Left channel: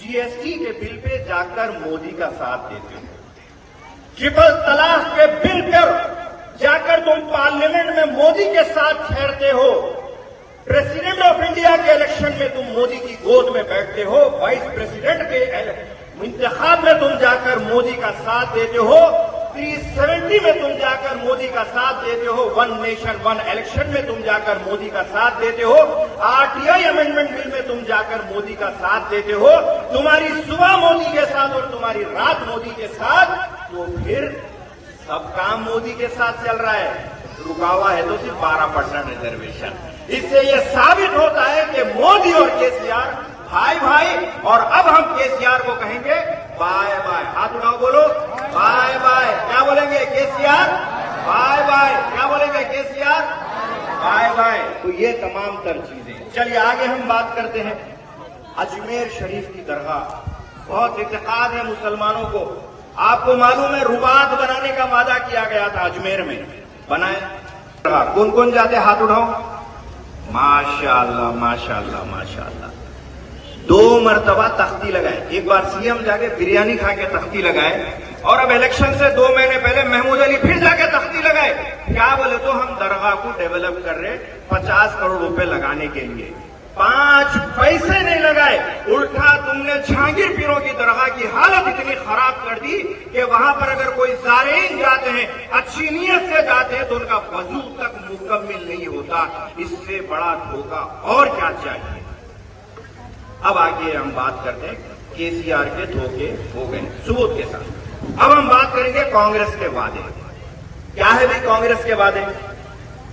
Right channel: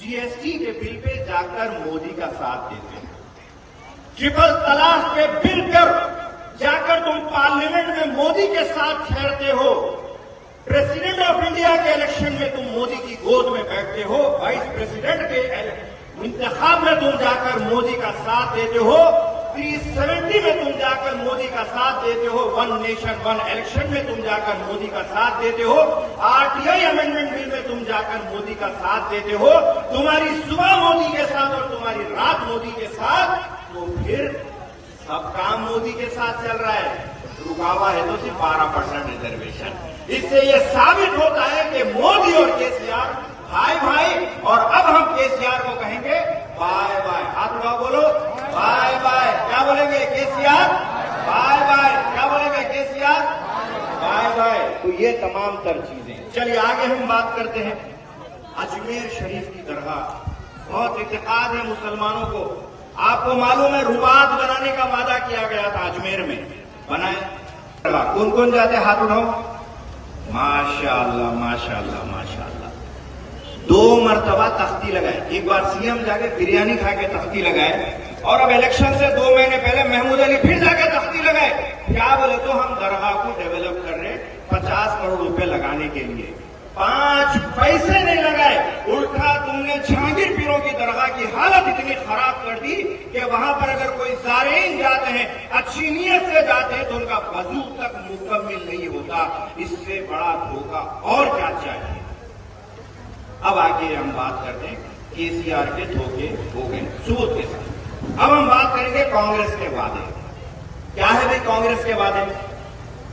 GST के bill pay जाकर मोदी का साथ देते हैं, ट्रिपल तलाक के बिल पर जाकर तुम पार्लियामेंट में मोदी के साथ ठहरते हो, प्रेसिडेंट ऑफ इंडिया के इलेक्शन में तुम मोदी की गोद में बैठते हो, वाइस प्रेसिडेंट के इंतखाब में तुम जाकर मोदी का साथ देते हो, 370 में तुम जाकर मोदी का साथ देते हो, वन नेशन वन इलेक्शन में तुम जाकर मोदी का साथ देते हो, आरटीआई अमेंडमेंट बिल में तुम जाकर मोदी का साथ देते हो, तुम्हारी सुबह मोदी के साथ और तुम्हारी रात मोदी के साथ, तो फिर सब काम मोदी के साथ चल रहा है। रुकावा है तो सिर्फ 12% रिजर्वेशन। इससे यह साबित होता है कि मोदी और केसीआर भाई भाई, और अब हम केसीआर को कहेंगे बाय बाय। हाथ उठाओ, बोलो बाय बाय। क्या बोलेंगे? KCR bye bye. क्या बोलेंगे? KCR bye bye. तो ये तमाम तर चीजें। चलिए आगे हम बात करते हैं। अजमेर शरीफ की दरगाह बहुत इत्तेकाद है मुसलमानों को। आपको मालूम है रुबात बनाने का वादा किया गया था, अजमेर में बनाए। कौन कौन जाते? हाथ उठाओ। माशाअल्लाह माशाअल्लाह माशाअल्लाह। 2 मरतबा तख्ती लगाए, एक बार सीएम जाके बिरयानी खा के तख्ती लगाए, और अब इलेक्शन से 2 महीने पहले महमूद अली फिर जाके तख्ती लगाए। क्या बोले? तो हम दरगाह को डेवलप कर रहे, 50 करोड़ रुपए लगाने के लिए। 5 पैसे नहीं लगाए, उल्टा तुमने जहांगीर पीरों की दरगाह की हालत इतनी खराब कर दी कि वहां पर अगर कोई ज़ायरीन जाते हैं, अच्छी नीयत से जाते हैं, तो उनका वजू तक मुकम्मल नहीं होता। इससे बड़ा धोखा और क्या चाहिए? अब आगे हम बात करते हैं केसीआर के धोखे हो गए सबूत के साथ। अब हम बात करेंगे कांग्रेस के वादे। क्या है भाई कांग्रेस के वादे?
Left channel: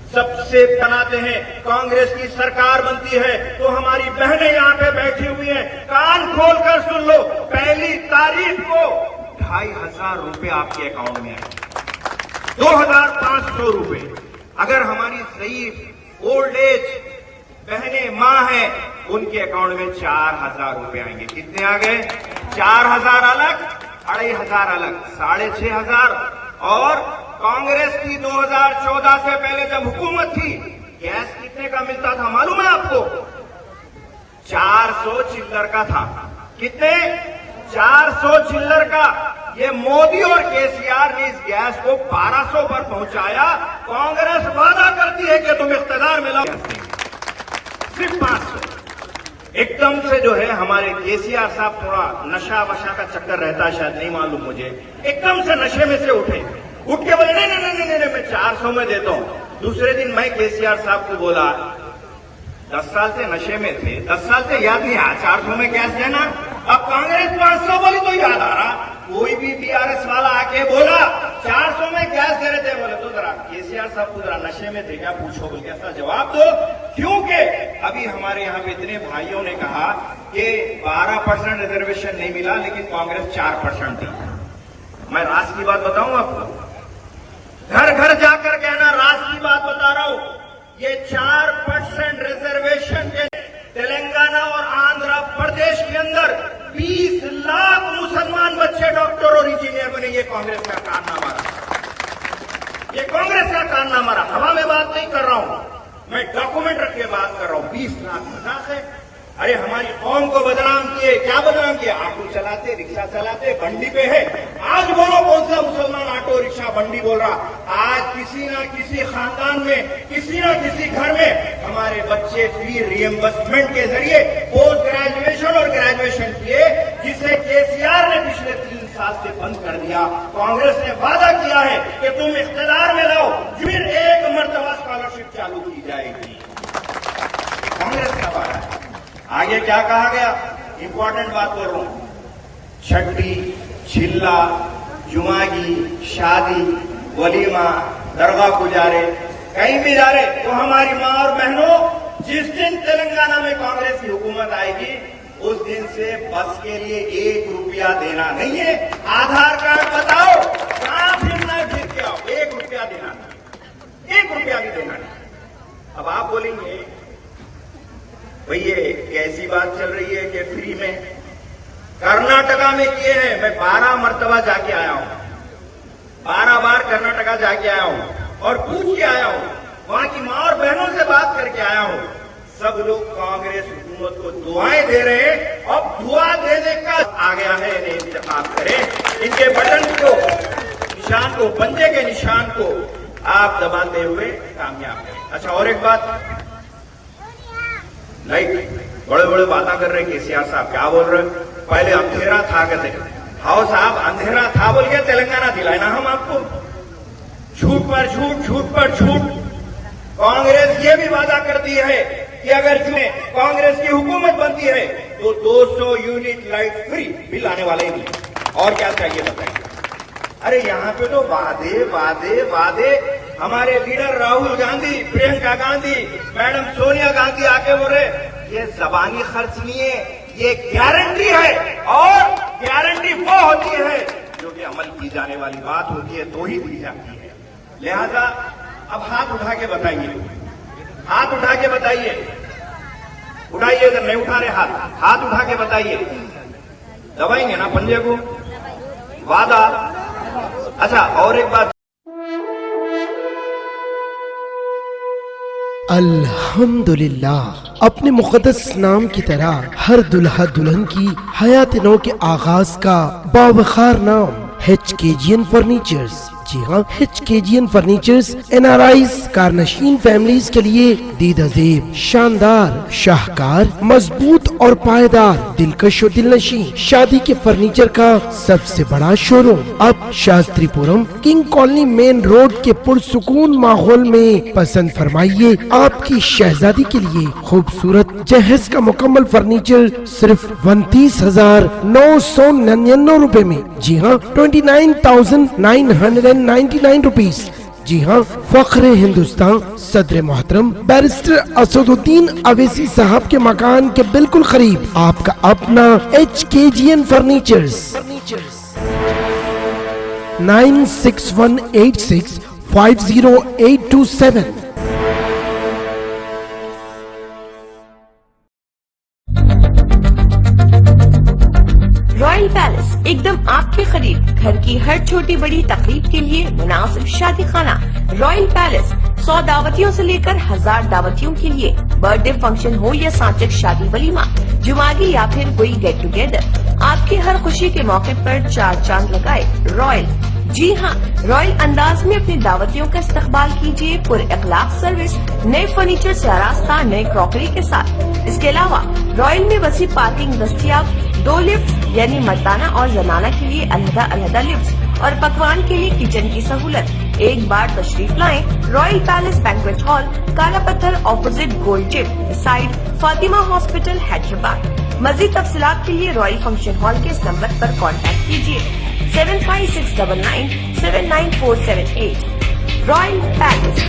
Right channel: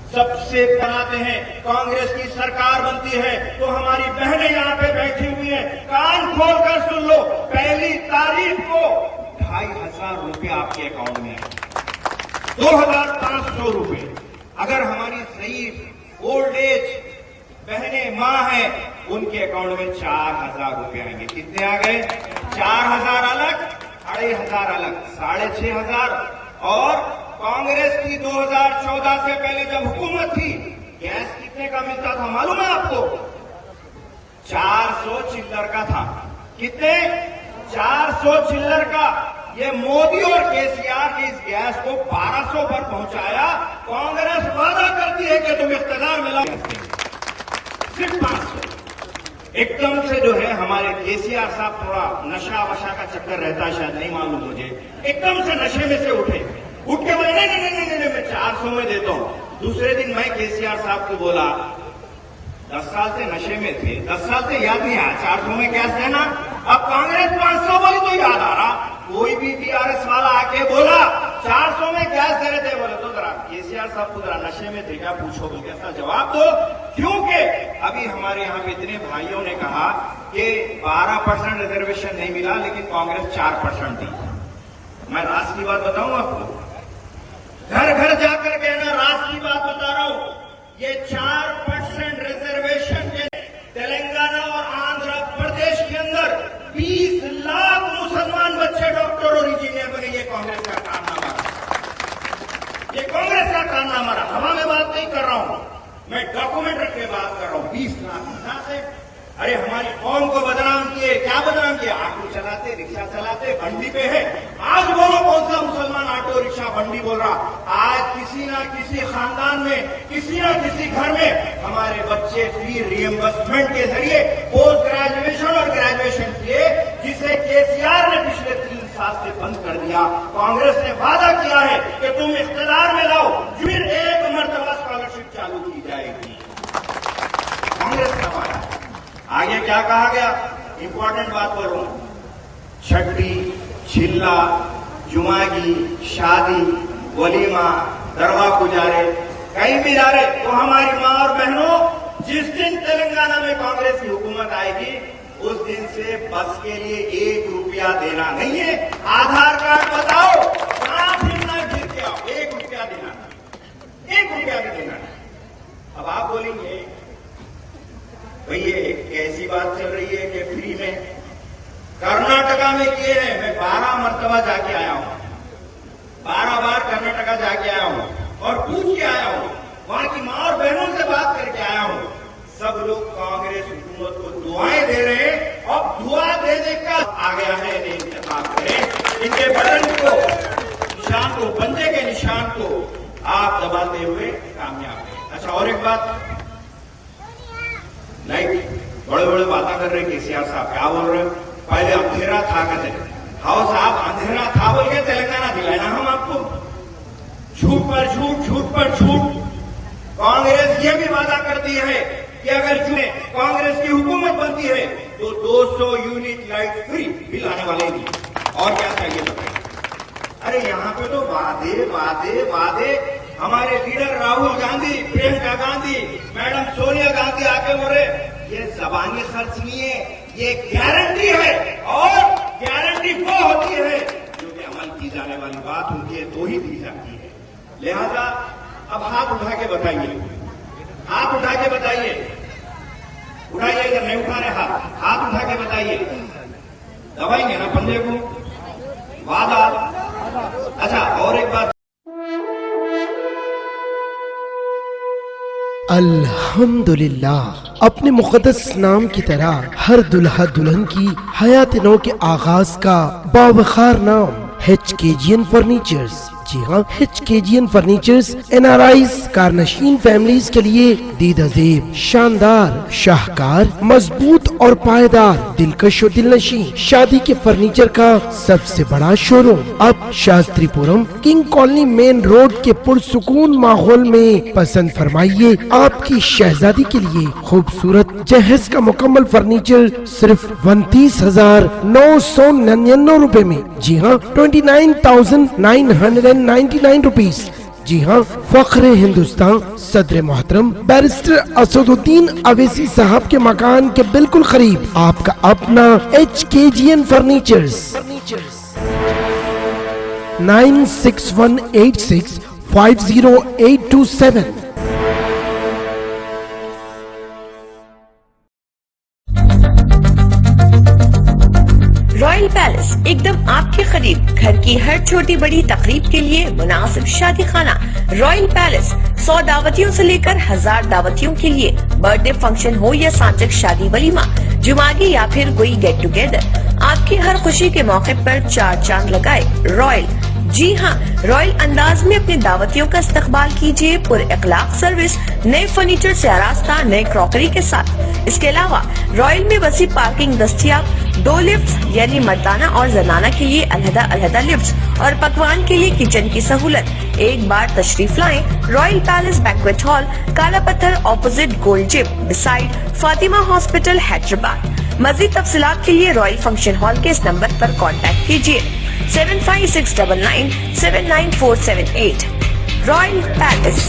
सबसे बनाते हैं कांग्रेस की सरकार बनती है तो हमारी बहनें यहां पे बैठी हुई हैं, कान खोलकर सुन लो, पहली तारीख को 2500 रुपए आपके अकाउंट में आए, 2500 रुपए। अगर हमारी सही ओल्ड एज बहनें मां हैं, उनके अकाउंट में 4000 रुपए आएंगे। कितने आ गए? 4000 अलग, 2500 अलग, 6500। और कांग्रेस की 2014 से पहले जब हुकूमत थी, गैस कितने का मिलता था मालूम है आपको? 400 चिल्लर का था। कितने? 400 चिल्लर का। ये मोदी और केसीआर ने इस गैस को 1200 पर पहुंचाया। कांग्रेस वादा करती है कि तुम इख्तियार में लाओ, सिर्फ 500। एकदम से जो है हमारे केसीआर साहब, थोड़ा नशा वशा का चक्कर रहता है, शायद नहीं मालूम मुझे, एकदम से नशे में से उठ के बोले नहीं नहीं नहीं नहीं, मैं 400 में देता हूं। दूसरे दिन मैं केसीआर साहब को बोला, 10 साल से नशे में थे, 10 साल से याद नहीं आया 400 में कैश देना। अब कांग्रेस 500 बोली तो याद आ रहा। कोई भी बीआरएस वाला आके बोला 400 में गैस दे रहे थे, बोले तो जरा केसीआर साहब को जरा नशे में थे क्या, पूछो बोल के ऐसा जवाब दो। क्योंकि अभी हमारे यहाँ पे इतने भाइयों ने कहा कि 12% रिजर्वेशन नहीं मिला, लेकिन कांग्रेस 4% दी। मैं राज की बात बताऊं आपको, घर घर जाकर कहना, राज की बात बता रहा हूं। ये 4% रिजर्वेशन के तेलंगाना और आंध्र प्रदेश के अंदर 20 लाख मुसलमान बच्चे डॉक्टर और इंजीनियर बने। ये कांग्रेस का कारनामा रहा, ये कांग्रेस का कारनामा रहा। हवा में बात नहीं कर रहा हूं, मैं डॉक्यूमेंट रख के बात कर रहा हूं। 20 लाख कहां से? अरे हमारी कौम को बदनाम किए। क्या बदनाम किए? ऑटो चलाते, रिक्शा चलाते, बंडी पे है। आज बोलो कौन सा मुसलमान ऑटो रिक्शा बंडी बोल रहा? आज किसी ना किसी खानदान में, किसी ना किसी घर में हमारे बच्चे फी रिएम्बर्समेंट के जरिए पोस्ट ग्रेजुएशन और ग्रेजुएशन किए, जिसे केसीआर ने पिछले 3 साल से बंद कर दिया। कांग्रेस ने वादा किया है कि तुम इख्तियार में लाओ, फिर 1 मरतबा स्कॉलरशिप चालू की जाएगी। कांग्रेस का वादा है। आगे क्या कहा गया, इंपॉर्टेंट बात बोल रहा हूं, छठी, चिल्ला, जुमागी, शादी, वलीमा, दरगाह गुजारे, कहीं भी जा रहे तो हमारी माँ और बहनों, जिस दिन तेलंगाना में कांग्रेस की हुकूमत आएगी उस दिन से बस के लिए 1 रुपया देना नहीं है। आधार कार्ड बताओ, कहां फिरना फिर के आओ, 1 रुपया देना, 1 रुपया भी देना नहीं। अब आप बोलेंगे भाई ये कैसी बात चल रही है कि फ्री में, कर्नाटका में किए हैं। मैं 12 मरतबा जाके आया हूं, 12 बार कर्नाटका जाके आया हूं और पूछ के आया हूं, वहां की मां और बहनों से बात करके आया हूं। सब लोग कांग्रेस हुकूमत को दुआएं दे रहे हैं और दुआ दे देकर आ गया है, इन्हें इंतखाब करें। इनके बटन को, निशान को, बंदे के निशान को आप दबाते हुए कामयाब हैं। अच्छा, और एक बात, नहीं बड़े बड़े बातें कर रहे हैं केसीआर साहब, क्या बोल रहे हो, पहले अंधेरा था कहते, हाउ साहब अंधेरा था बोल के तेलंगाना दिलाए ना हम आपको, झूठ पर झूठ, झूठ पर झूठ। कांग्रेस ये भी वादा करती है कि अगर कांग्रेस की हुकूमत बनती है तो 200 यूनिट लाइट फ्री बिल आने वाले भी, और क्या चाहिए बताइए। अरे यहाँ पे तो वादे वादे वादे, हमारे लीडर राहुल गांधी, प्रियंका गांधी, मैडम सोनिया गांधी आके बोले ये जबानी खर्च नहीं है, ये गारंटी है, और गारंटी वो होती है जो कि अमल की जाने वाली बात होती है तो ही दी जाती है। लिहाजा अब हाथ उठा के बताइए, हाथ उठा के बताइए, उठाइए, अगर नहीं उठा रहे हाथ उठा के बताइए, दबाएंगे ना पंजे को, वादा। अच्छा, और एक बात, अल्हम्दुलिल्लाह, अपने मुक़द्दस नाम की तरह हर दुल्हा दुल्हन की हयात नौ के आगाज का बावखार नाम HKGN फर्नीचर्स। जी हाँ, HKGN फर्नीचर्स NRIs कारनशीन फैमिलीज के लिए दीदाजेब, शानदार, शाहकार, मजबूत और पायदार, दिलकश और दिलनशी शादी के फर्नीचर का सबसे बड़ा शोरूम अब Shastripuram king colony main road के पुरसुकून माहौल में पसंद फरमाइए। आपकी शहजादी के लिए खूबसूरत जहेज का मुकम्मल फर्नीचर सिर्फ 29,999 रुपए में। जी हाँ, 29,999 रुपीज। जी हाँ, फख्रे हिंदुस्तान सदर मोहतरम बैरिस्टर असदुद्दीन अवैसी साहब के मकान के बिल्कुल करीब आपका अपना HKGN फर्नीचर्स। 9618650827। रॉयल पैलेस एकदम आपके करीब, घर की हर छोटी बड़ी तकरीब के लिए मुनासिब शादी खाना। रॉयल पैलेस 100 दावतियों से लेकर 1000 दावतियों के लिए, बर्थडे फंक्शन हो या सांचक शादी वलीमा, जुमागी या फिर कोई गेट टुगेदर, आपकी हर खुशी के मौके पर 4 चांद लगाए रॉयल। जी हाँ, रॉयल अंदाज में अपने दावतियों का इस्तकबाल कीजिए, पुर इखलाक सर्विस, नए फर्नीचर से आरास्ता, नए क्रॉकरी के साथ। इसके अलावा रॉयल में वसी पार्किंग दस्तियाब, 2 लिफ्ट यानी मर्दाना और जनाना के लिए अलहदा लिफ्ट और पकवान के लिए किचन की सहूलत। एक बार तशरीफ लाएं रॉयल पैलेस बैंक्वेट हॉल, काला पत्थर, opposite gold gym, beside Fatima hospital, Hyderabad. मज़ीद तफसीलात के लिए रॉयल फंक्शन हॉल के इस नंबर पर कॉन्टैक्ट कीजिए 7569979478। Royal palace.